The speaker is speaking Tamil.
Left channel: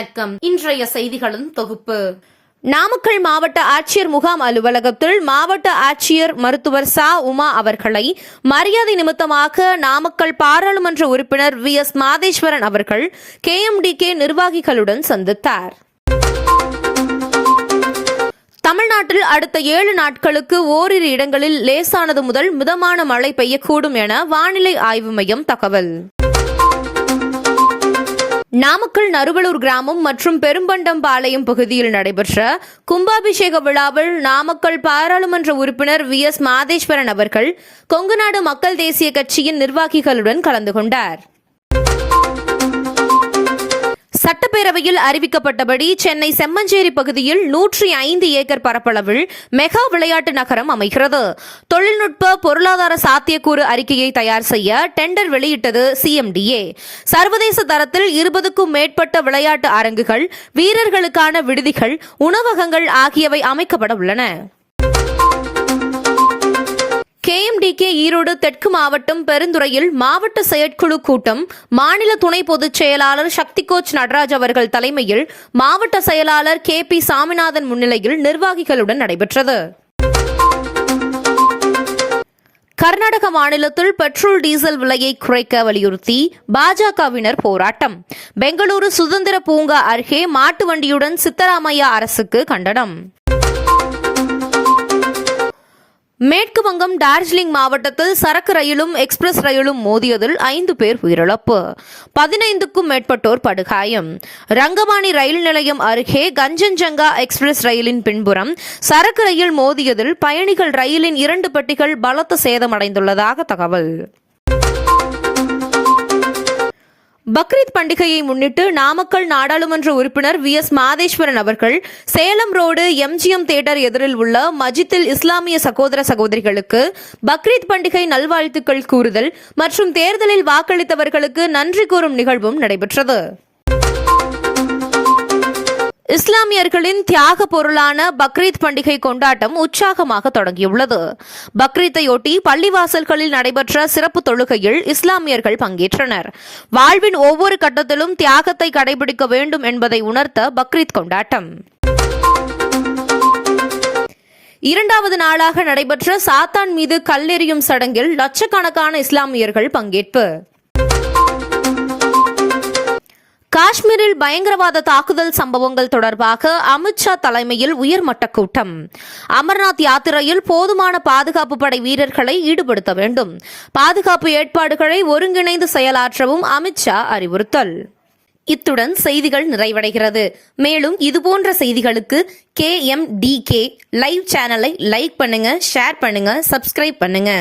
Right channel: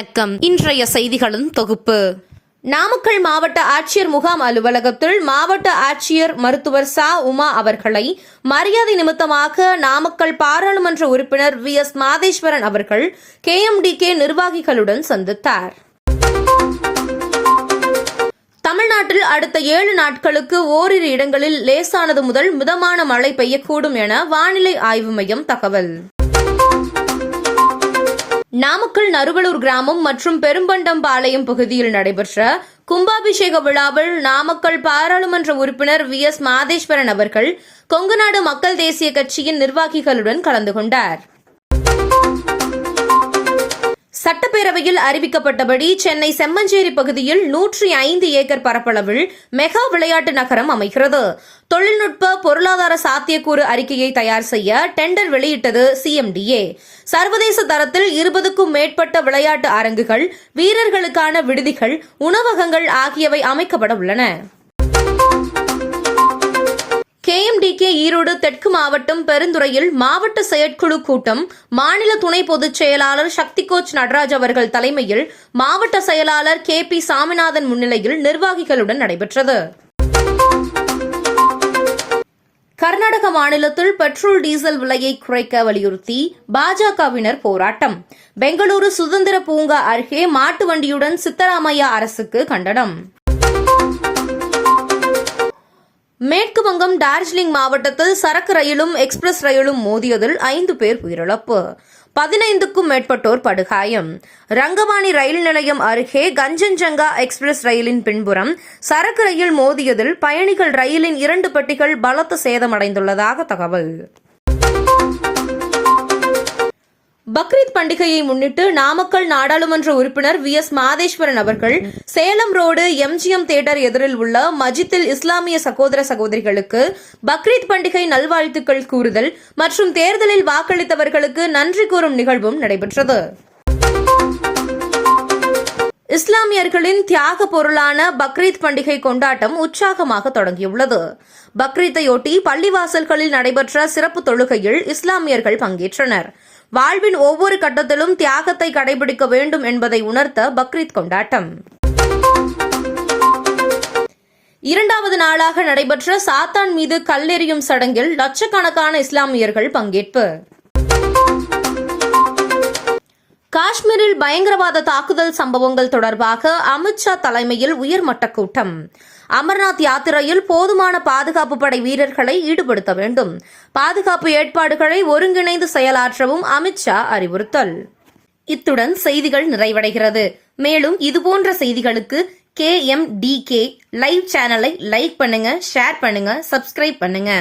வணக்கம். இன்றைய செய்திகளின் தொகுப்பு. நாமக்கல் மாவட்ட ஆட்சியர் முகாம் அலுவலகத்தில் மாவட்ட ஆட்சியர் மருத்துவர் சா. உமா அவர்களை மரியாதை நிமித்தமாக நாமக்கல் பாராளுமன்ற உறுப்பினர் வி. எஸ். மாதேஸ்வரன் அவர்கள் கே. Empty K. நிர்வாகிகளுடன் சந்தித்தார். தமிழ்நாட்டில் அடுத்த ஏழு நாட்களுக்கு ஓரிரு இடங்களில் லேசானது முதல் மிதமான மழை பெய்யக்கூடும் என வானிலை ஆய்வு மையம் தகவல். நாமக்கல் நறுவலூர் கிராமம் மற்றும் பெரும்பண்டம்பாளையம் பகுதியில் நடைபெற்ற கும்பாபிஷேக விழாவில் நாமக்கல் பாராளுமன்ற உறுப்பினர் வி. எஸ். மாதேஸ்வரன் அவர்கள் கொங்குநாடு மக்கள் தேசிய கட்சியின் நிர்வாகிகளுடன் கலந்து கொண்டார். சட்டப்பேரவையில் அறிவிக்கப்பட்டபடி சென்னை செம்மஞ்சேரி பகுதியில் நூற்றி ஐந்து ஏக்கர் பரப்பளவில் மெகா விளையாட்டு நகரம் அமைகிறது. தொழில்நுட்ப பொருளாதார சாத்தியக்கூறு அறிக்கையை தயார் செய்ய டெண்டர் வெளியிட்டது சிஎம்டிஏ. சர்வதேச தரத்தில் இருபதுக்கும் மேற்பட்ட விளையாட்டு அரங்குகள் வீரர்களுக்கான விடுதிகள் உணவகங்கள் ஆகியவை அமைக்கப்பட உள்ளன. கேஎம்டிகே ஈரோடு தெற்கு மாவட்டம் பெருந்துறையில் மாவட்ட செயற்குழு கூட்டம் மாநில துணை பொதுச் செயலாளர் சக்தி கோச் நடராஜ் அவர்கள் தலைமையில் மாவட்ட செயலாளர் கே பி சாமிநாதன் முன்னிலையில் நிர்வாகிகளுடன் நடைபெற்றது. கர்நாடக மாநிலத்தில் பெட்ரோல் டீசல் விலையை குறைக்க வலியுறுத்தி பாஜகவினர் போராட்டம். பெங்களூரு சுதந்திர பூங்கா அருகே மாட்டு வண்டியுடன் சித்தராமையா அரசுக்கு கண்டனம். மேற்கு வங்கம் டார்ஜிலிங் மாவட்டத்தில் சரக்கு ரயிலும் எக்ஸ்பிரஸ் ரயிலும் மோதியதில் ஐந்து பேர் உயிரிழப்பு. பதினைந்துக்கும் மேற்பட்டோர் படுகாயம். ரங்கவாணி ரயில் நிலையம் அருகே கஞ்சன்ஜங்கா எக்ஸ்பிரஸ் ரயிலின் பின்புறம் சரக்கு ரயில் மோதியதில் பயணிகள் ரயிலின் இரண்டு பெட்டிகள் பலத்த சேதமடைந்துள்ளதாக தகவல். பக்ரீத் பண்டிகையை முன்னிட்டு நாமக்கல் நாடாளுமன்ற உறுப்பினர் வி எஸ் மாதேஸ்வரன் அவர்கள் சேலம் ரோடு எம்ஜிஎம் தியேட்டர் எதிரில் உள்ள மஜித்தில் இஸ்லாமிய சகோதர சகோதரிகளுக்கு பக்ரீத் பண்டிகை நல்வாழ்த்துக்கள் கூறுதல் மற்றும் தேர்தலில் வாக்களித்தவர்களுக்கு நன்றி கூறும் நிகழ்வும் நடைபெற்றது. இஸ்லாமியர்களின் தியாக பொருளான பக்ரீத் பண்டிகை கொண்டாட்டம் உற்சாகமாக தொடங்கியுள்ளது. பக்ரீத்தையொட்டி பள்ளிவாசல்களில் நடைபெற்ற சிறப்பு தொழுகையில் இஸ்லாமியர்கள் பங்கேற்றனர். வாழ்வின் ஒவ்வொரு கட்டத்திலும் தியாகத்தை கடைபிடிக்க வேண்டும் என்பதை உணர்த்த பக்ரீத் கொண்டாட்டம். இரண்டாவது நாளாக நடைபெற்ற சாத்தான் மீது கல்லெறியும் சடங்கில் லட்சக்கணக்கான இஸ்லாமியர்கள் பங்கேற்பு. காஷ்மீரில் பயங்கரவாத தாக்குதல் சம்பவங்கள் தொடர்பாக அமித்ஷா தலைமையில் உயர்மட்ட கூட்டம். அமர்நாத் யாத்திரையில் போதுமான பாதுகாப்பு படை வீரர்களை ஈடுபடுத்த வேண்டும். பாதுகாப்பு ஏற்பாடுகளை ஒருங்கிணைந்து செயலாற்றவும் அமித்ஷா அறிவுறுத்தல். இத்துடன் செய்திகள் நிறைவடைகிறது. மேலும் இதுபோன்ற செய்திகளுக்கு K M T K live சேனலை லைக் பண்ணுங்க ஷேர் பண்ணுங்க சப்ஸ்கிரைப் பண்ணுங்க.